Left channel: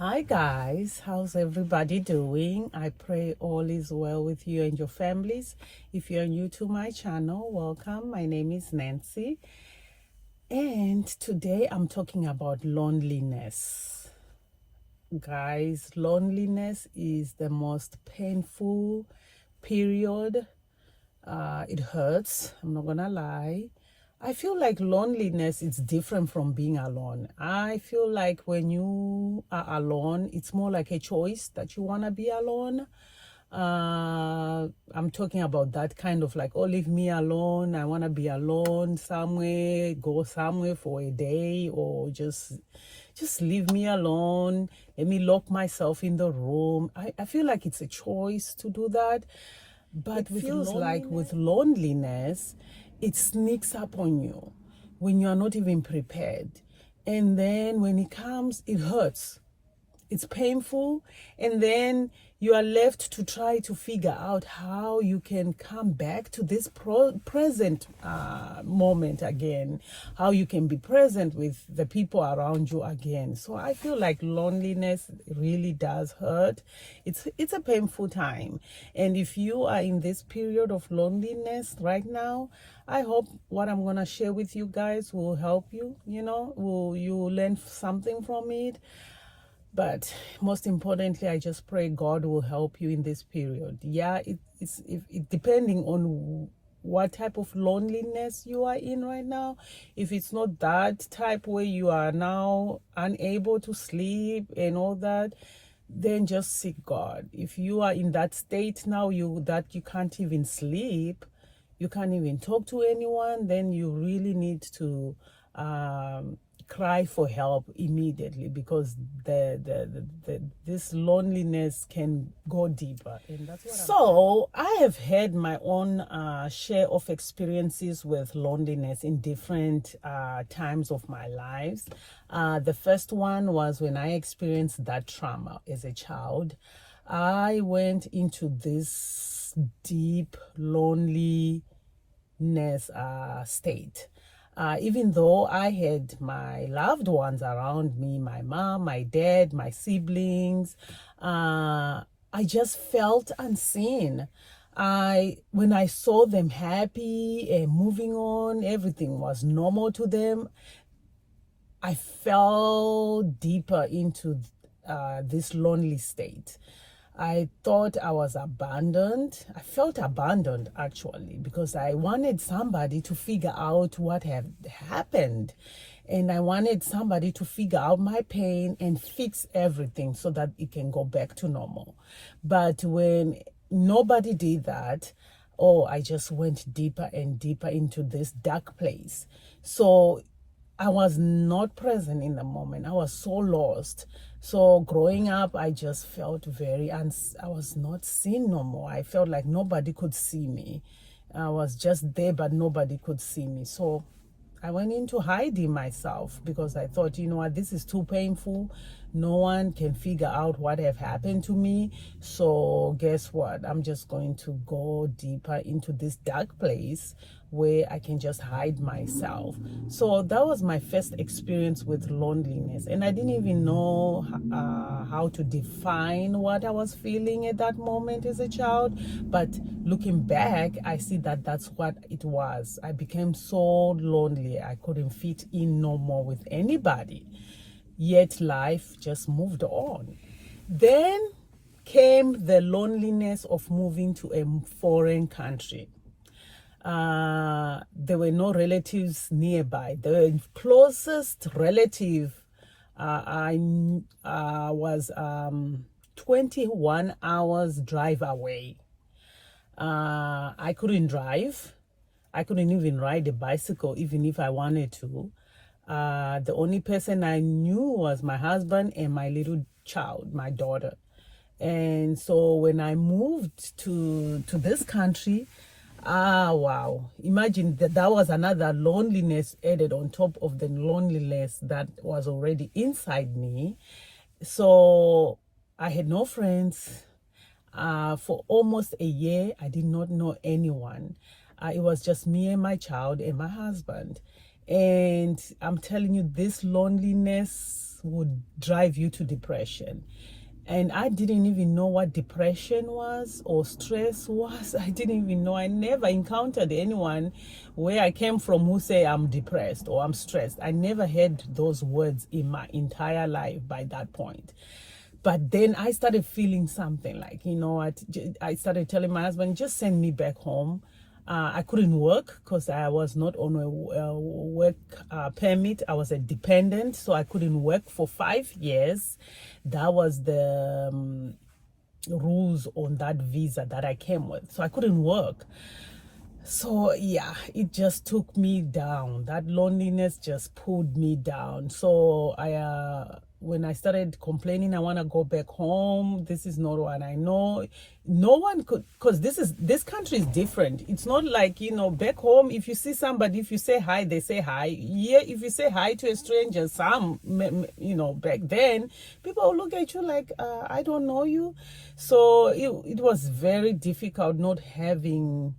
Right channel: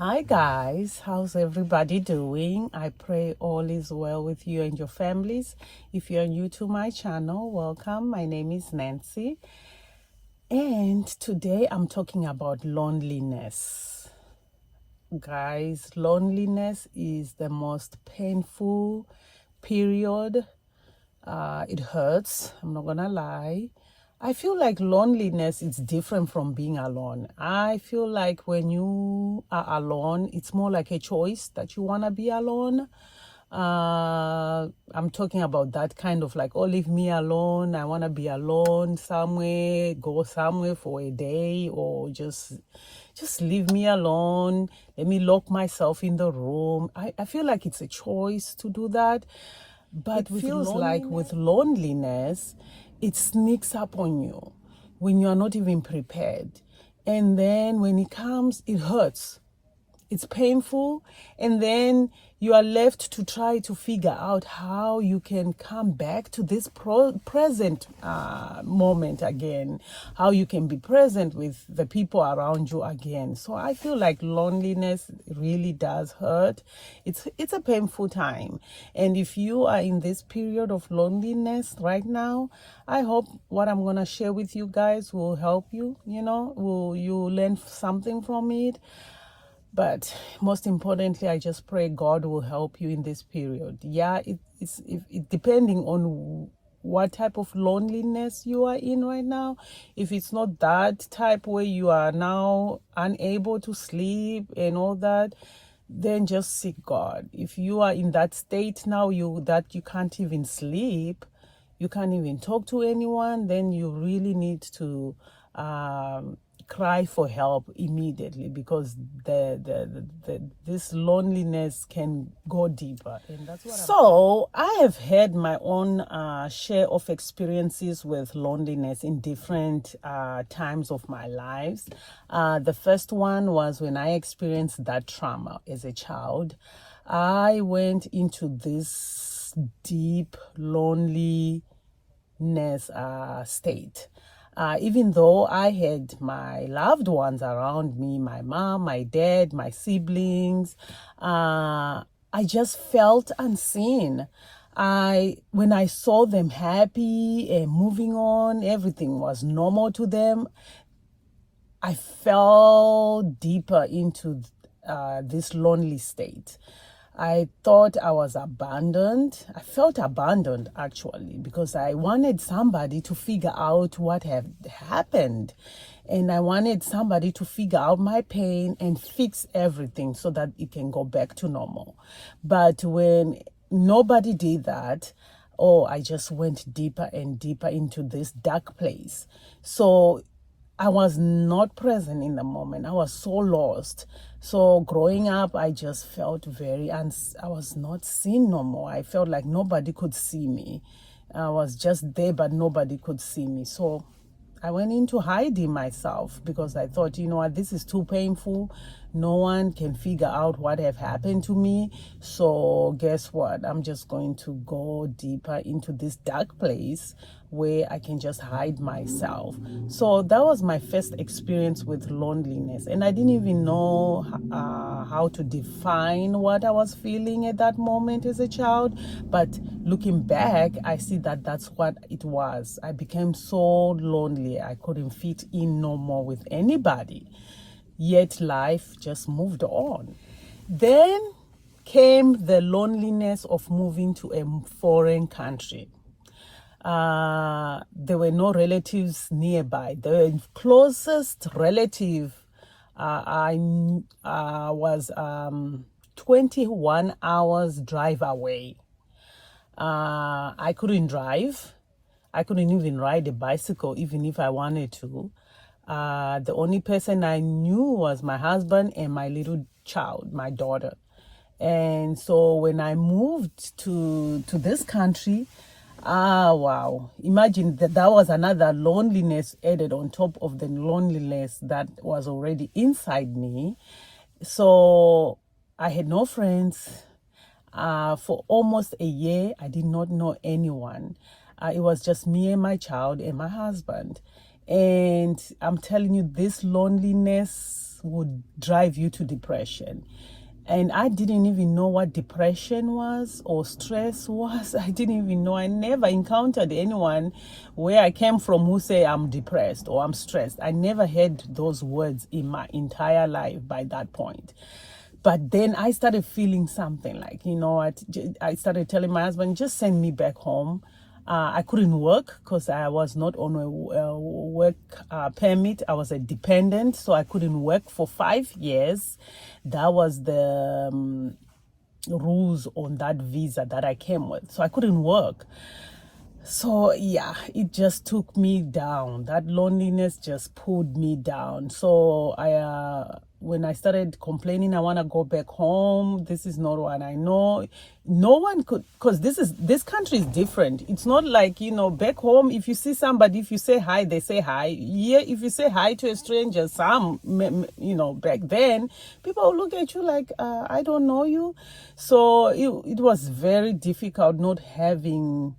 Hi guys, how's everybody doing? I pray all is well with you and your families. If you're new to my channel, welcome. My name is Nancy, and today I'm talking about loneliness. Guys, loneliness is the most painful period. It hurts, I'm not gonna lie. I feel like loneliness is different from being alone. I feel like when you are alone, it's more like a choice that you want to be alone. I'm talking about that kind of like, oh, leave me alone. I want to be alone somewhere, go somewhere for a day, or just leave me alone. Let me lock myself in the room. I feel like it's a choice to do that. But it feels like with loneliness, it sneaks up on you when you are not even prepared. And then when it comes, it hurts. It's painful. And then you are left to try to figure out how you can come back to this present moment again, how you can be present with the people around you again. So I feel like loneliness really does hurt. It's a painful time. And if you are in this period of loneliness right now, I hope what I'm going to share with you guys will help you, will you learn something from it. But most importantly, I just pray God will help you in this period. Yeah, it depending on what type of loneliness you are in right now. If it's not that type where you are now unable to sleep and all that, then just seek God. If you are in that state now, you can't even sleep, you can't even talk to anyone, then you really need to cry for help immediately, because this loneliness can go deeper. And that's what I have had my own share of experiences with loneliness in different times of my lives. The first one was when I experienced that trauma as a child. I went into this deep loneliness state. Even though I had my loved ones around me, my mom, my dad, my siblings, I just felt unseen. When I saw them happy and moving on, everything was normal to them, I fell deeper into this lonely state. I thought I was abandoned. I felt abandoned actually, because I wanted somebody to figure out what had happened. And I wanted somebody to figure out my pain and fix everything so that it can go back to normal. But when nobody did that, oh, I just went deeper and deeper into this dark place. So I was not present in the moment. I was so lost. So growing up, I just felt I was not seen no more. I felt like nobody could see me. I was just there, but nobody could see me. So I went into hiding myself, because I thought, you know what, this is too painful. No one can figure out what have happened to me. So guess what? I'm just going to go deeper into this dark place where I can just hide myself. So that was my first experience with loneliness. And I didn't even know how to define what I was feeling at that moment as a child. But looking back, I see that that's what it was. I became so lonely. I couldn't fit in no more with anybody. Yet life just moved on. Then came the loneliness of moving to a foreign country. There were no relatives nearby. The closest relative I was 21 hours drive away. I couldn't drive. I couldn't even ride a bicycle, even if I wanted to. The only person I knew was my husband and my little child, my daughter. And so when I moved to this country, wow, imagine that was another loneliness added on top of the loneliness that was already inside me. So I had no friends. For almost a year, I did not know anyone. It was just me and my child and my husband. And I'm telling you, this loneliness would drive you to depression. And I didn't even know what depression was or stress was. I didn't even know. I never encountered anyone where I came from who say I'm depressed or I'm stressed. I never heard those words in my entire life by that point. But then I started feeling something like, I started telling my husband, just send me back home. I couldn't work because I was not on a work permit. I was a dependent, so I couldn't work for 5 years. That was the rules on that visa that I came with. So I couldn't work. So yeah, it just took me down. That loneliness just pulled me down. So when I started complaining, I want to go back home. This is not what I know. No one could, because this country is different. It's not like, back home, if you see somebody, if you say hi, they say hi. Yeah, if you say hi to a stranger, back then, people look at you like, I don't know you. So it was very difficult not having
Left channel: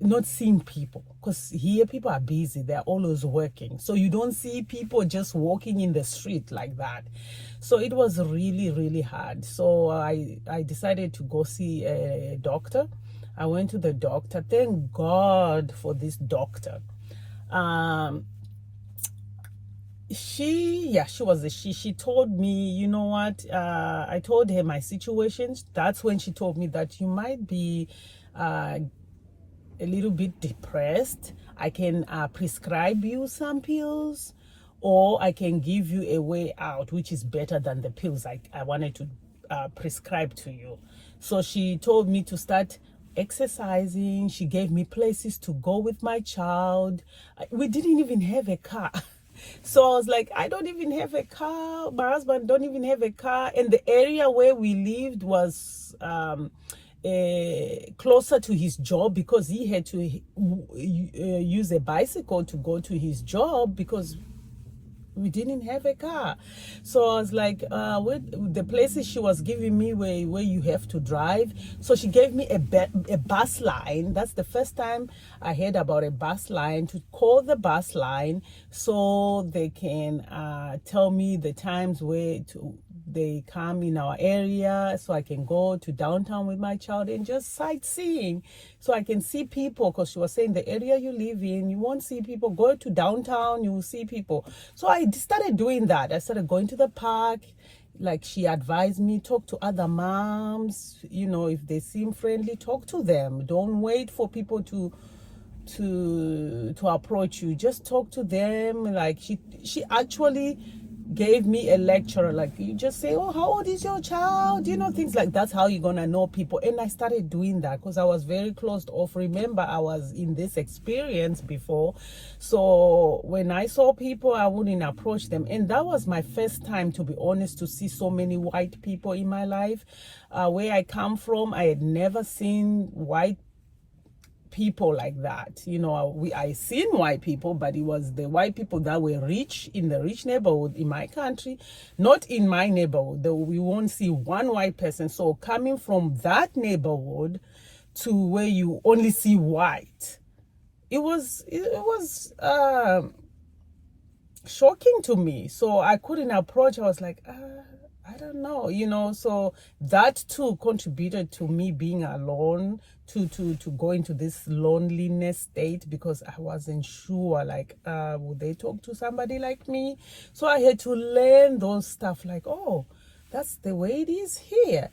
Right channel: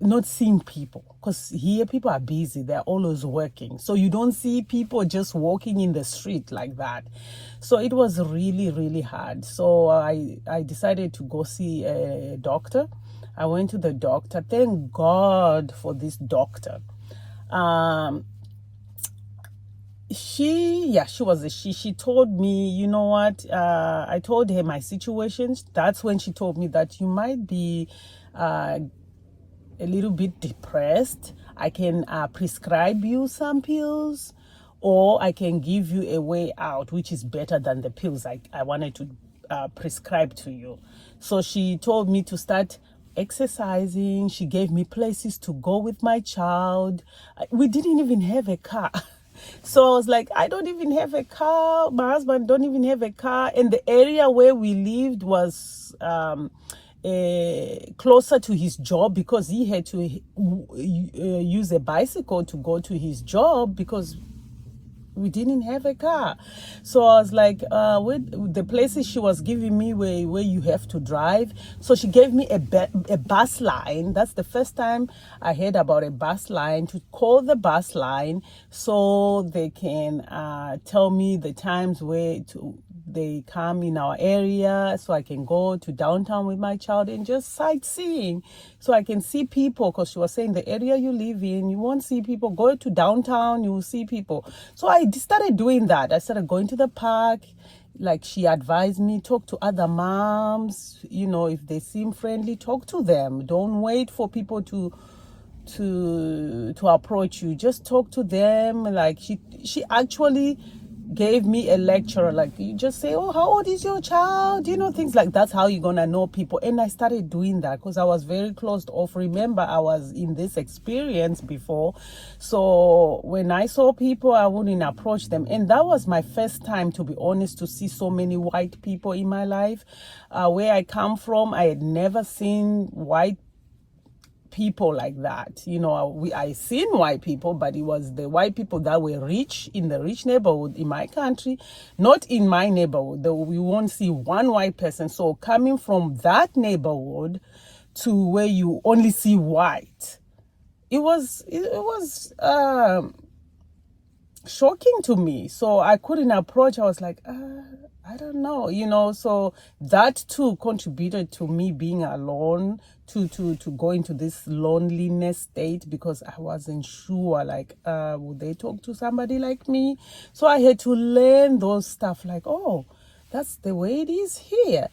not seeing people, because here people are busy, they're always working, so you don't see people just walking in the street like that. So it was really, really hard. So I decided to go see a doctor. I went to the doctor. Thank God for this doctor. She was she told me, you know what, I told her my situation. That's when she told me that you might be a little bit depressed. I can prescribe you some pills, or I can give you a way out, which is better than the pills I wanted to prescribe to you. So she told me to start exercising. She gave me places to go with my child. We didn't even have a car. So I was like, I don't even have a car. My husband don't even have a car. And the area where we lived was closer to his job, because he had to use a bicycle to go to his job because we didn't have a car. So I was like, with the places she was giving me where you have to drive. So she gave me a bus line. That's the first time I heard about a bus line, to call the bus line so they can tell me the times where they come in our area, so I can go to downtown with my child and just sightseeing, so I can see people, because she was saying the area you live in, you won't see people. Go to downtown, you will see people. So I started doing that. I started going to the park, like she advised me. Talk to other moms, if they seem friendly, talk to them. Don't wait for people to approach you. Just talk to them. Like she actually gave me a lecture, like, you just say, oh, how old is your child, things like that's how you're gonna know people. And I started doing that because I was very closed off. Remember, I was in this experience before, so when I saw people, I wouldn't approach them. And that was my first time, to be honest, to see so many white people in my life. Where I come from, I had never seen white people like that. I seen white people, but it was the white people that were rich in the rich neighborhood in my country, not in my neighborhood. We won't see one white person. So coming from that neighborhood to where you only see white, it was shocking to me. So I couldn't approach. I was like, I don't know, so that too contributed to me being alone, to go into this loneliness state, because I wasn't sure, like, would they talk to somebody like me? So I had to learn those stuff, like, oh, that's the way it is here.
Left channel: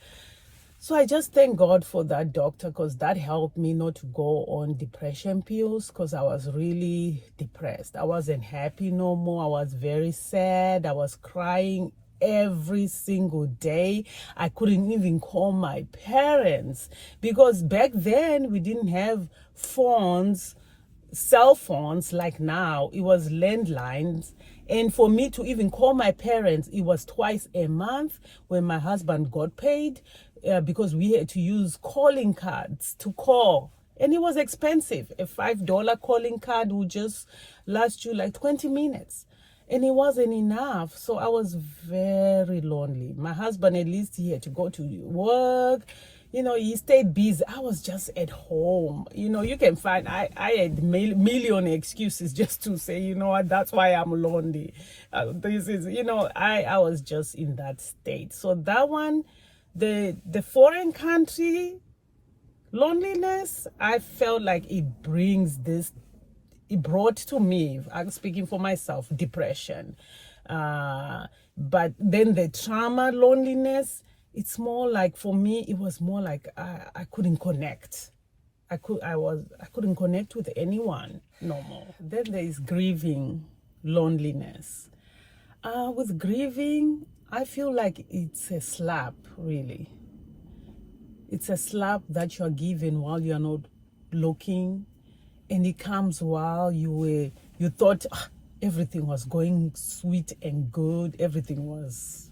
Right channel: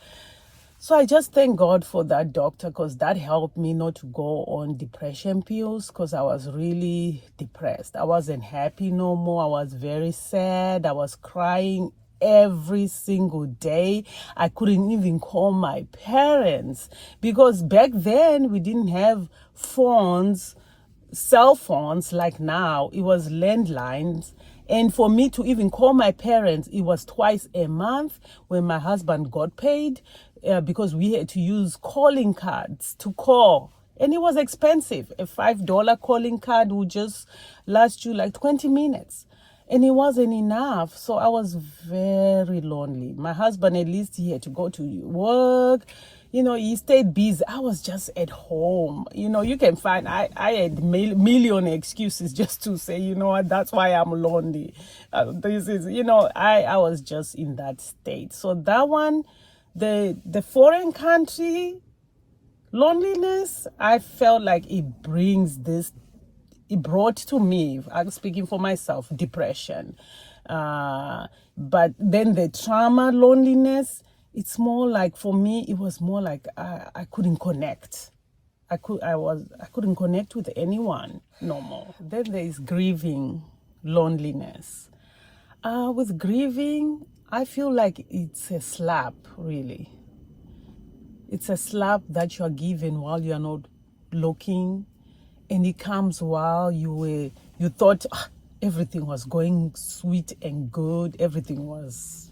So I just thank God for that doctor, because that helped me not to go on depression pills, because I was really depressed. I wasn't happy no more. I was very sad. I was crying every single day. I couldn't even call my parents, because back then we didn't have cell phones like now. It was landlines. And for me to even call my parents, it was twice a month when my husband got paid, because we had to use calling cards to call. And it was expensive. A $5 calling card would just last you like 20 minutes. And it wasn't enough. So I was very lonely. My husband, at least he had to go to work. He stayed busy. I was just at home. You can find, I had million excuses just to say, that's why I'm lonely. This is, I was just in that state. So that one, the foreign country loneliness, I felt like it brought to me, I'm speaking for myself, depression. But then the trauma loneliness, it's more like, for me, it was more like I couldn't connect. I couldn't connect with anyone no more. Then there is grieving loneliness. With grieving, I feel like it's a slap, really. It's a slap that you are given while you are not looking, and it comes while you thought everything was going sweet and good, everything was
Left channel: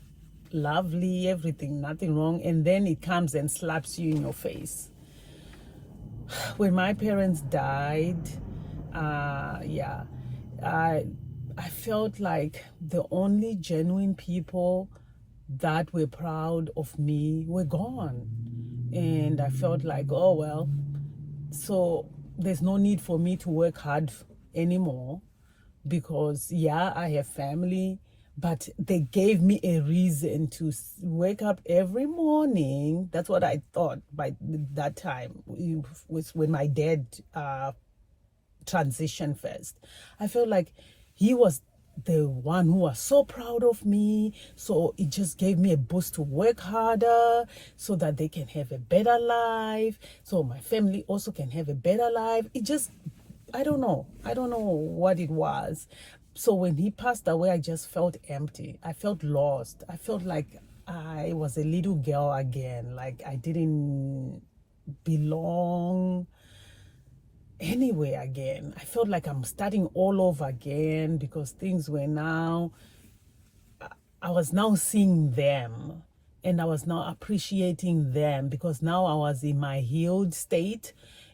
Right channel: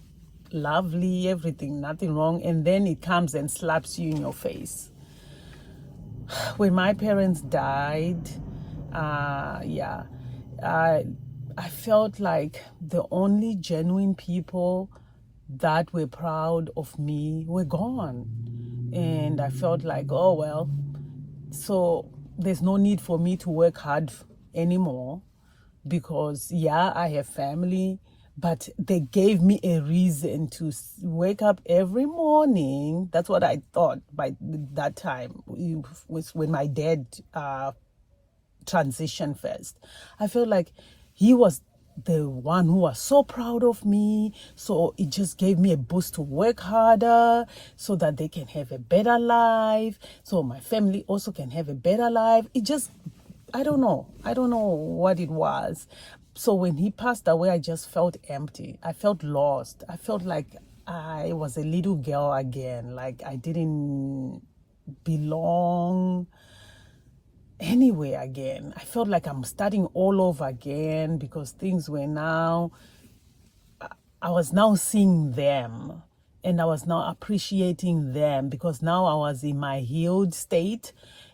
lovely, everything, nothing wrong, and then it comes and slaps you in your face. When my parents died, I felt like the only genuine people that were proud of me were gone. And I felt like, oh, well, so there's no need for me to work hard anymore, because, yeah, I have family, but they gave me a reason to wake up every morning. That's what I thought by that time, was when my dad transitioned first. I felt like he was the one who was so proud of me, so it just gave me a boost to work harder so that they can have a better life, so my family also can have a better life. It just, I don't know what it was. So when he passed away, I just felt empty. I felt lost. I felt like I was a little girl again, like I didn't belong anywhere again. I felt like I'm starting all over again, because things were now, I was now seeing them, and I was now appreciating them, because now I was in my healed state,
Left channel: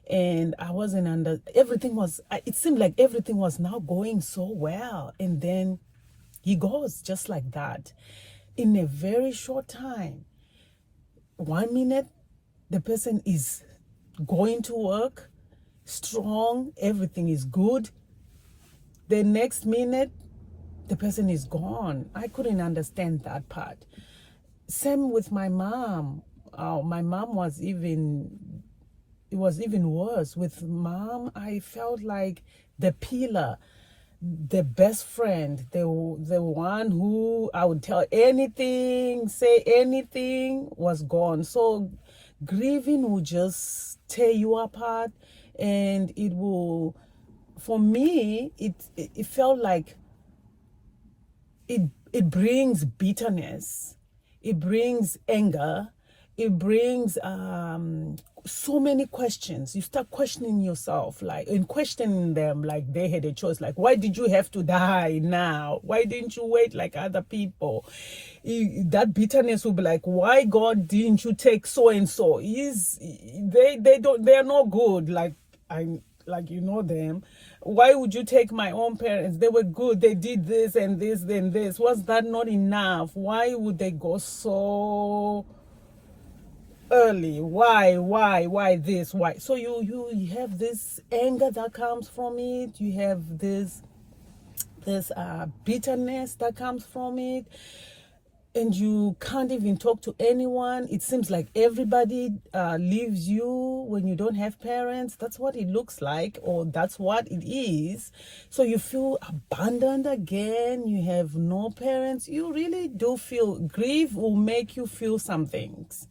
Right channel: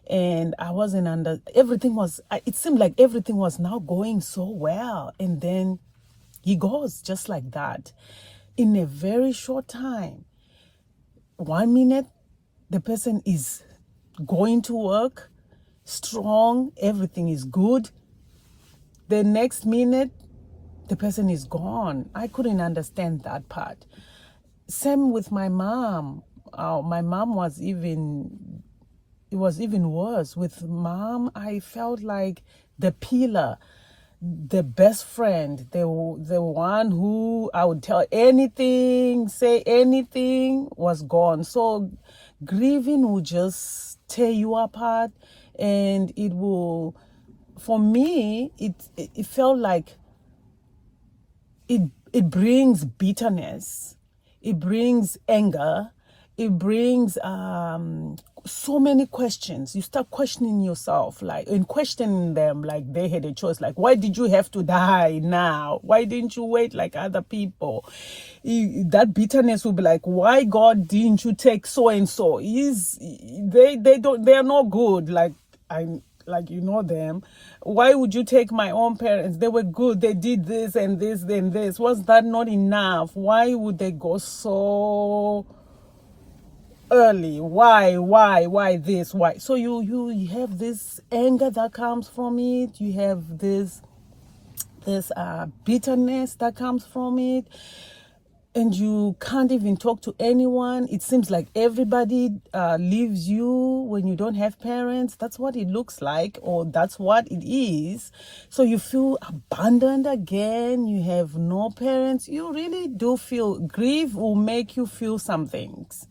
and I wasn't everything was, it seemed like everything was now going so well, and then he goes just like that in a very short time. 1 minute the person is going to work strong, everything is good. The next minute the person is gone. I couldn't understand that part. Same with my mom. My mom was it was even worse. With mom, I felt like the pillar, the best friend, the one who I would tell anything, say anything, was gone. So grieving will just tear you apart, and it will, for me, it felt like it brings bitterness, it brings anger, it brings so many questions. You start questioning yourself, like, and questioning them like they had a choice. Like, why did you have to die now? Why didn't you wait like other people? That bitterness will be like, why, God, didn't you take so and so? They're not good. Like, them. Why would you take my own parents? They were good. They did this and this and this. Was that not enough? Why would they go so early? Why this? Why? So you have this anger that comes from it. You have this bitterness that comes from it, and you can't even talk to anyone. It seems like everybody leaves you when you don't have parents. That's what it looks like, or that's what it is. So you feel abandoned again. You have no parents. You really do feel, grief will make you feel some things.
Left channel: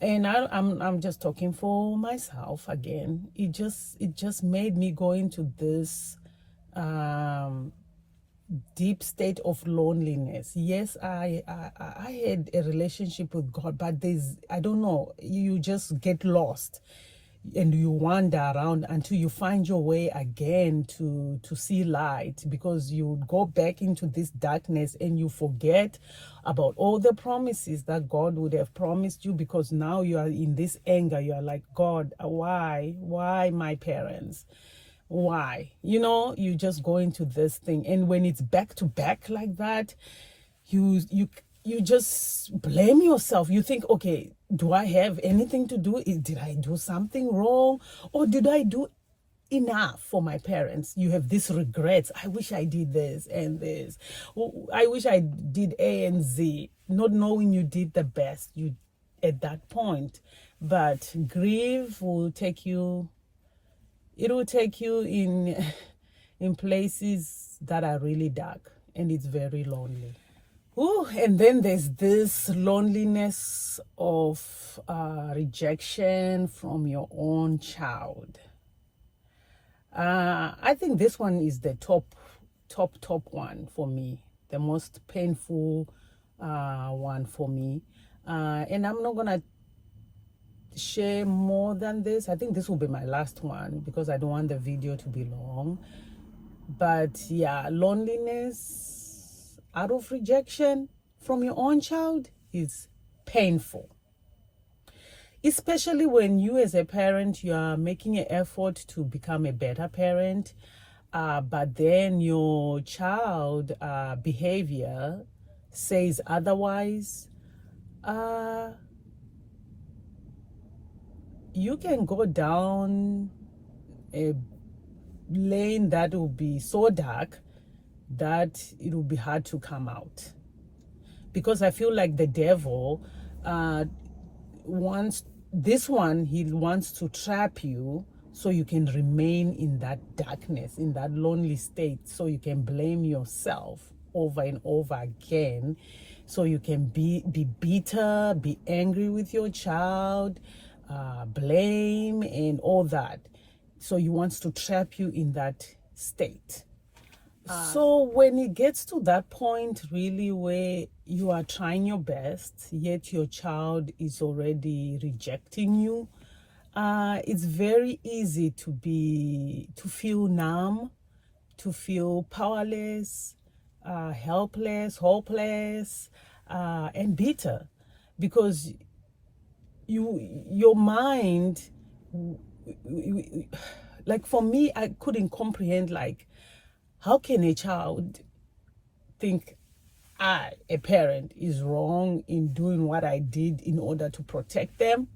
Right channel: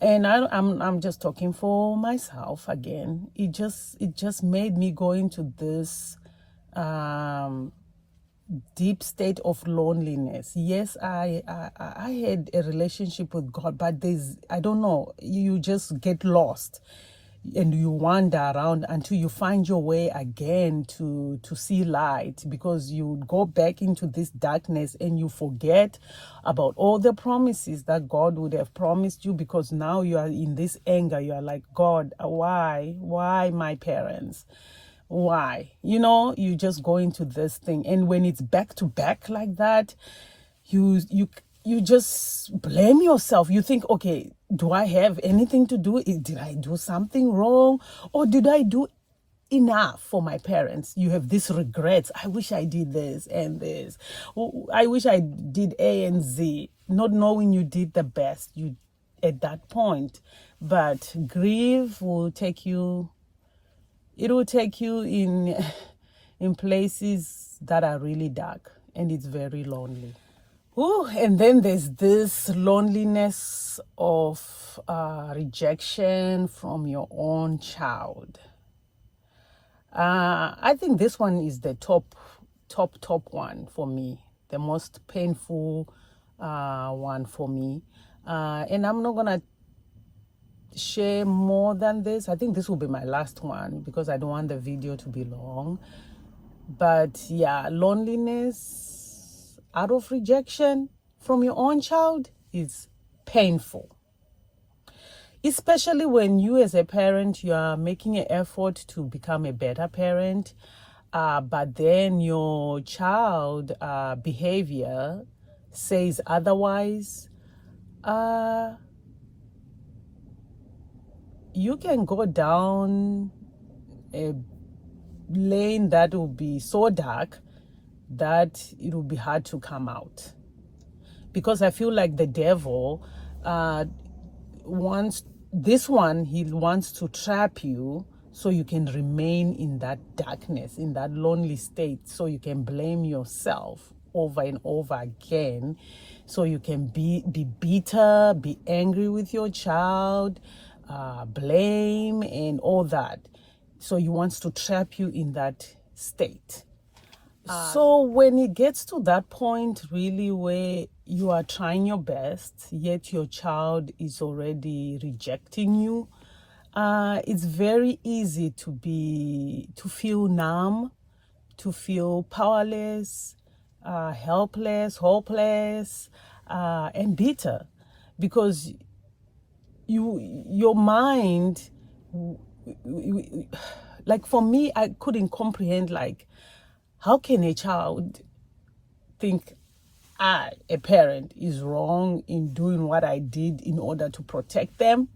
And I'm just talking for myself again. It just made me go into this deep state of loneliness. Yes, I had a relationship with God, but I don't know, you just get lost and you wander around until you find your way again to see light, because you go back into this darkness and you forget about all the promises that God would have promised you, because now you are in this anger. You are like, God, why my parents? Why? You just go into this thing, and when it's back to back like that, you just blame yourself. You think, okay, do I have anything to do? Did I do something wrong, or did I do enough for my parents. You have these regrets. I wish I did this and this. I wish I did A and Z, not knowing you did the best you at that point. But grief will take you, it will take you in places that are really dark, and it's very lonely. Ooh, and then there's this loneliness of rejection from your own child. I think this one is the top one for me, the most painful one for me. And I'm not gonna share more than this. I think this will be my last one because I don't want the video to be long. But yeah, loneliness out of rejection from your own child is painful. Especially when you as a parent, you are making an effort to become a better parent, but then your child behavior says otherwise. You can go down a lane that will be so dark that it will be hard to come out. Because I feel like the devil wants he wants to trap you so you can remain in that darkness, in that lonely state, so you can blame yourself over and over again, so you can be bitter, be angry with your child, blame and all that. So he wants to trap you in that state. So when it gets to that point really where you are trying your best, yet your child is already rejecting you, it's very easy to feel numb, to feel powerless, helpless, hopeless, and bitter, because your mind, like for me, I couldn't comprehend, like, how can a child think I, a parent, is wrong in doing what I did in order to protect them?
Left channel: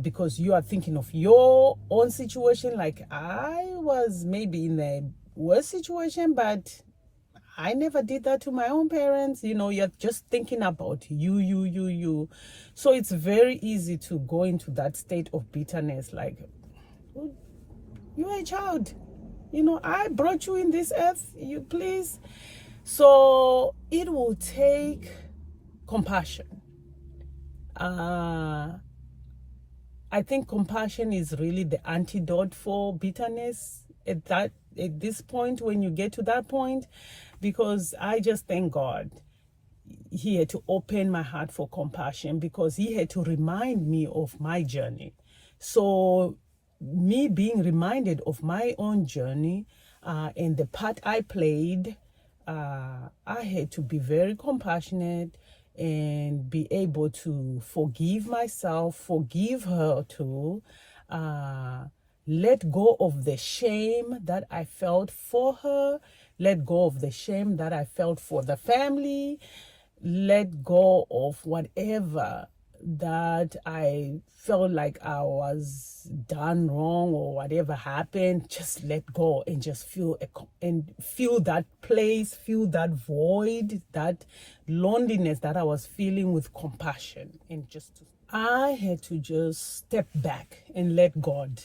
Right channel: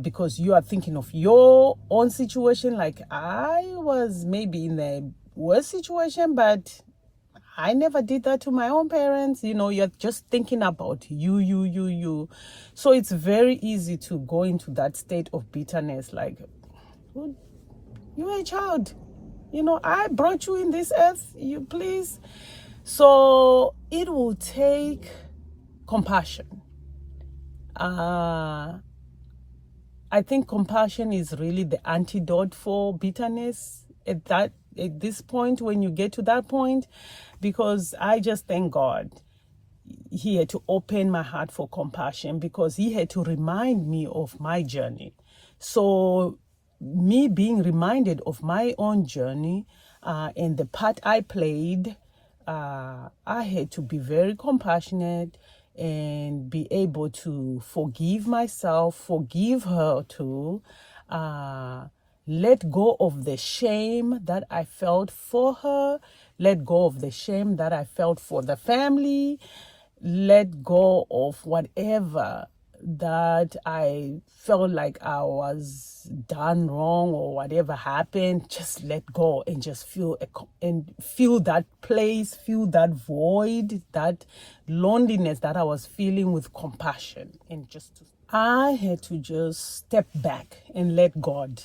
Because you are thinking of your own situation, like I was maybe in a worse situation, but I never did that to my own parents. You're just thinking about you. So it's very easy to go into that state of bitterness, like, well, you're a child. I brought you in this earth, you please. So it will take compassion. I think compassion is really the antidote for bitterness at this point, when you get to that point, because I just thank God he had to open my heart for compassion, because he had to remind me of my journey. So me being reminded of my own journey and the part I played, I had to be very compassionate and be able to forgive myself, forgive her too, let go of the shame that I felt for her, let go of the shame that I felt for the family, let go of whatever that I felt like I was done wrong or whatever happened. Just let go and just feel that place, feel that void, that loneliness that I was feeling, with compassion. And I had to just step back and let God.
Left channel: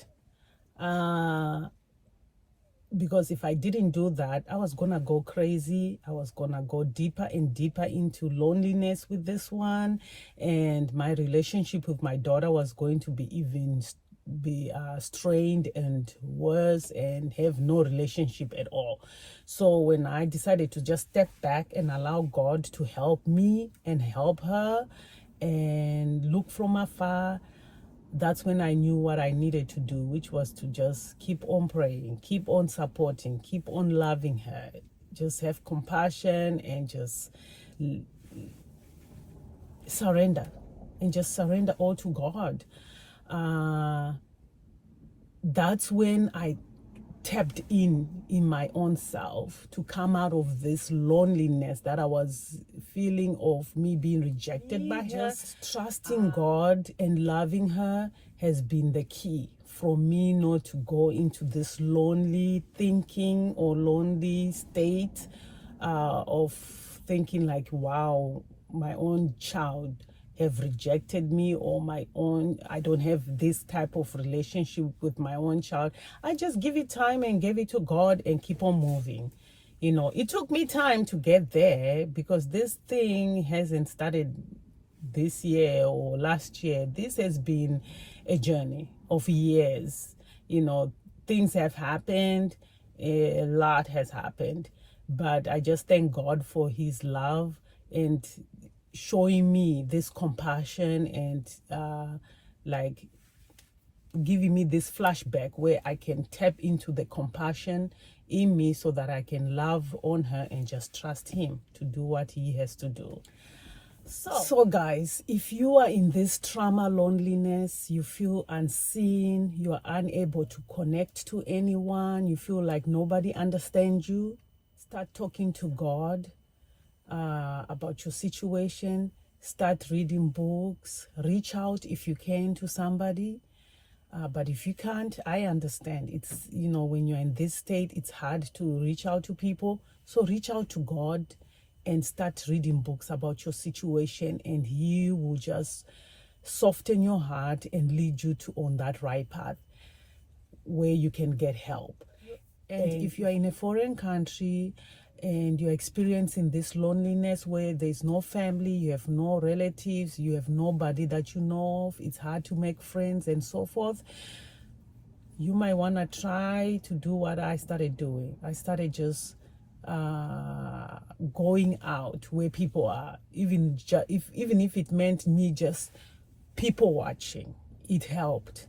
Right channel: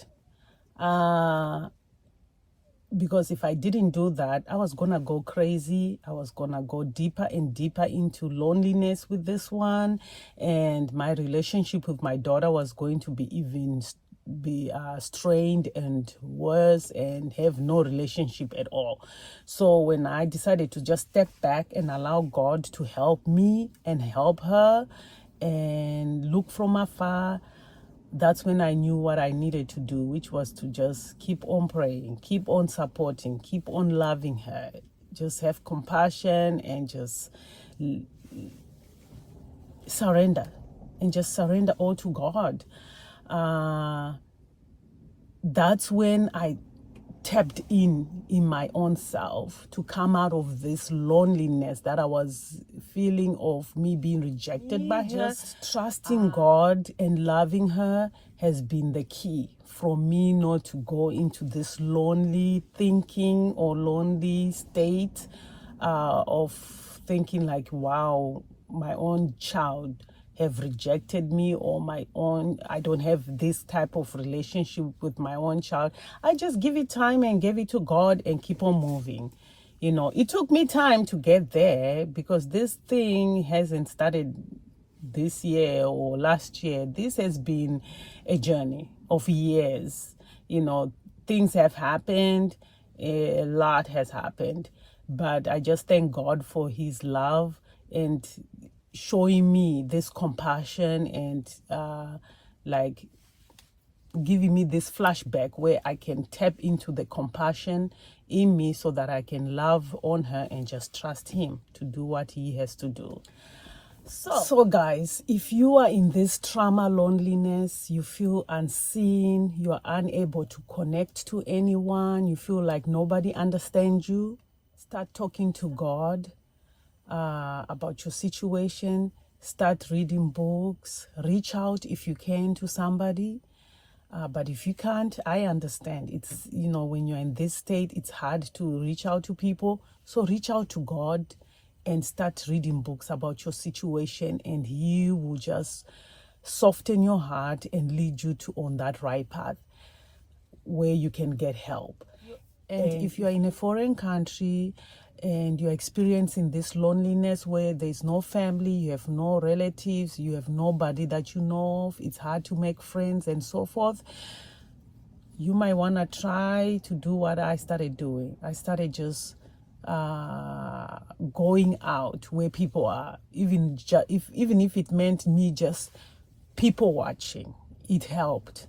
Because if I didn't do that, I was gonna go crazy. I was gonna go deeper and deeper into loneliness with this one, and my relationship with my daughter was going to be strained and worse, and have no relationship at all. So when I decided to just step back and allow God to help me and help her and look from afar, that's when I knew what I needed to do, which was to just keep on praying, keep on supporting, keep on loving her, just have compassion and just surrender, and just surrender all to God. That's when I tapped in my own self to come out of this loneliness that I was feeling of me being rejected by her. Just trusting God and loving her has been the key from me not to go into this lonely thinking or lonely state of thinking like, wow, my own child have rejected me, or I don't have this type of relationship with my own child. I just give it time and give it to God and keep on moving. It took me time to get there, because this thing hasn't started this year or last year. This has been a journey of years. Things have happened, a lot has happened, but I just thank God for his love and showing me this compassion and like giving me this flashback where I can tap into the compassion in me so that I can love on her and just trust him to do what he has to do. So guys, if you are in this trauma loneliness, you feel unseen, you are unable to connect to anyone, you feel like nobody understands you, start talking to God about your situation. Start reading books. Reach out if you can to somebody. But if you can't, I understand. It's, when you're in this state, it's hard to reach out to people. So reach out to God and start reading books about your situation, and he will just soften your heart and lead you on that right path where you can get help. And if you're in a foreign country and you're experiencing this loneliness where there's no family, you have no relatives, you have nobody that you know of, it's hard to make friends and so forth, you might want to try to do what I started doing. I started just going out where people are, even if it meant me just people watching. It helped.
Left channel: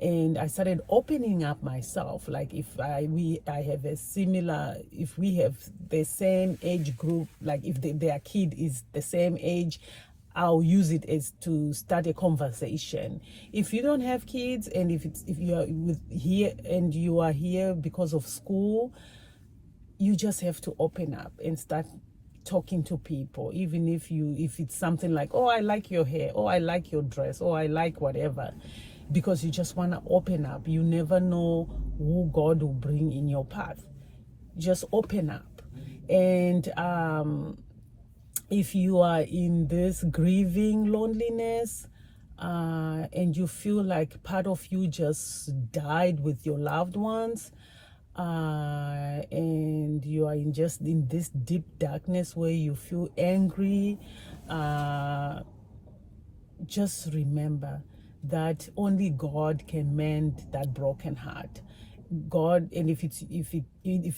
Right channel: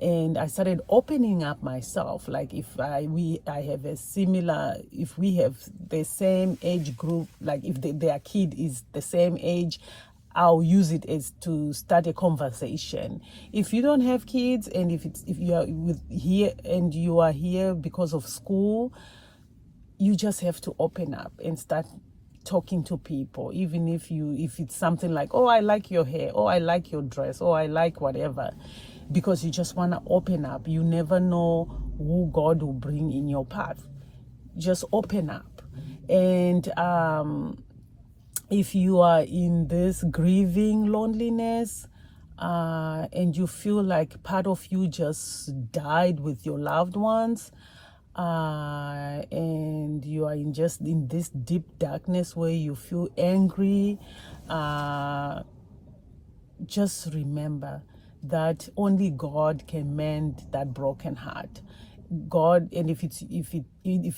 And I started opening up myself. Like if we have the same age group, like if their kid is the same age, I'll use it as to start a conversation. If you don't have kids, and if you are here and you are here because of school, you just have to open up and start talking to people, even if it's something like, oh, I like your hair, oh, I like your dress, oh, I like whatever, because you just want to open up. You never know who God will bring in your path. Just open up. And if you are in this grieving loneliness, and you feel like part of you just died with your loved ones, and you are in this deep darkness where you feel angry, just remember that only God can mend that broken heart. God, and if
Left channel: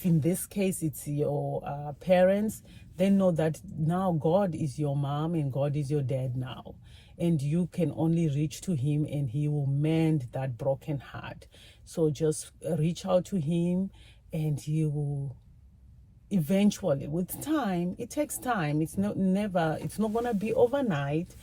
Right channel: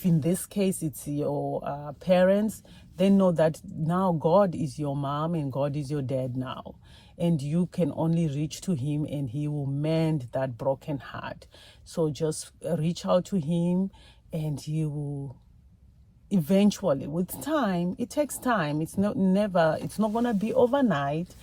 in this case it's your parents, then know that now God is your mom and God is your dad now, and you can only reach to him and he will mend that broken heart. So just reach out to him and he will eventually, with time, it takes time, it's not going to be overnight,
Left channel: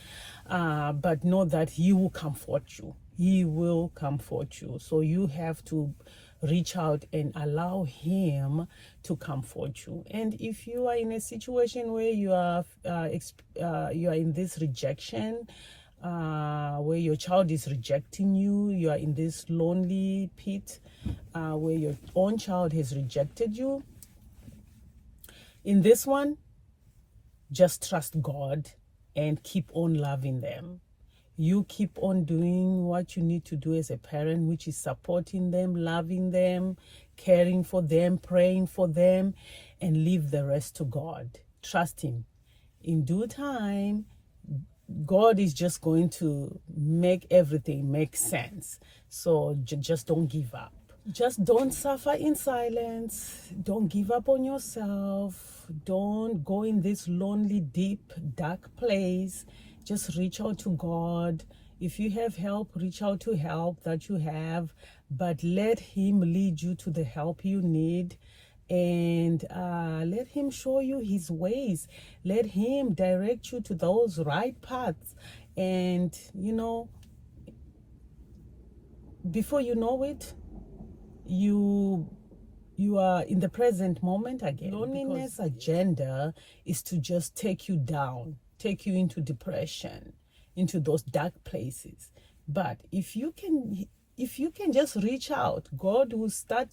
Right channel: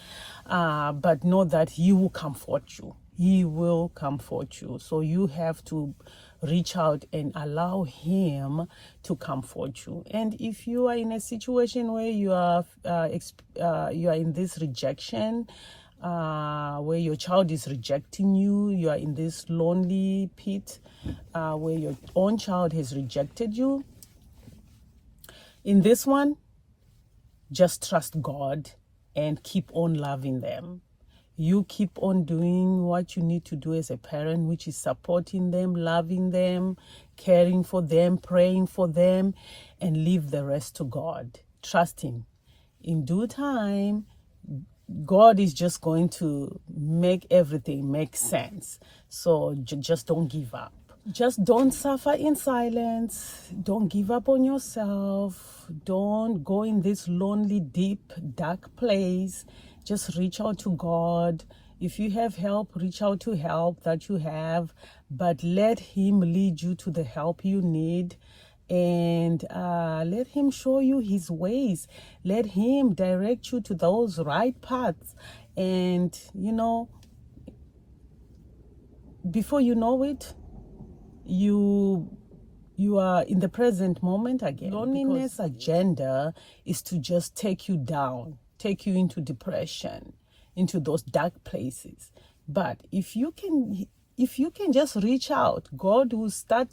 but know that he will comfort you. He will comfort you. So you have to reach out and allow him to comfort you. And if you are in a situation where you are in this rejection, where your child is rejecting you, you are in this lonely pit, where your own child has rejected you, in this one, just trust God and keep on loving them. You keep on doing what you need to do as a parent, which is supporting them, loving them, caring for them, praying for them, and leave the rest to God. Trust him. In due time, God is just going to make everything make sense. So just don't give up. Just don't suffer in silence. Don't give up on yourself. Don't go in this lonely, deep, dark place. Just reach out to God. If you have help, reach out to help that you have, but let him lead you to the help you need, and let him show you his ways. Let him direct you to those right paths. And before you know it, you are in the present moment again. Loneliness agenda is to just take you down, take you into depression, into those dark places. But if you can if you can just reach out, God will start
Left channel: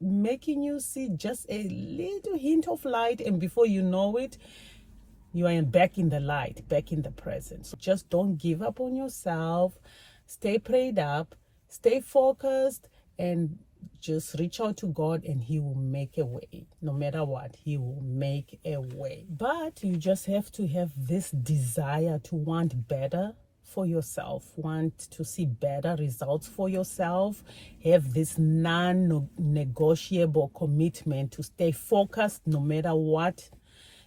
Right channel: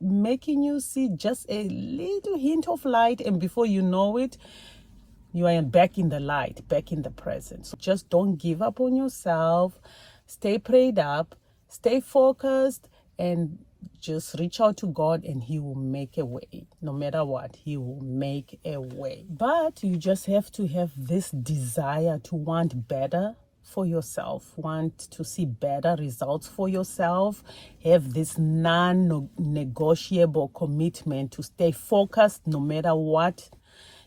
making you see just a little hint of light, and before you know it, you are back in the light, back in the present. So just don't give up on yourself. Stay prayed up, stay focused, and just reach out to God, and He will make a way. No matter what, He will make a way. But you just have to have this desire to want better for yourself, want to see better results for yourself, have this non-negotiable commitment to stay focused no matter what.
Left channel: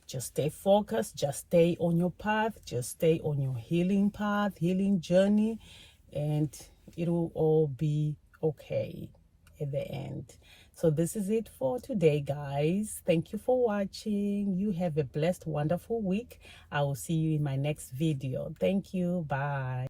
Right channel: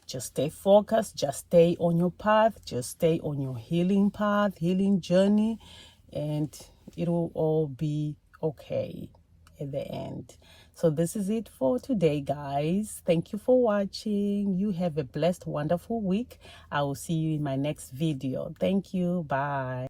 Just stay focused, just stay on your path, just stay on your healing path, healing journey, and it will all be okay at the end. So this is it for today, guys. Thank you for watching. You have a blessed, wonderful week. I will see you in my next video. Thank you. Bye.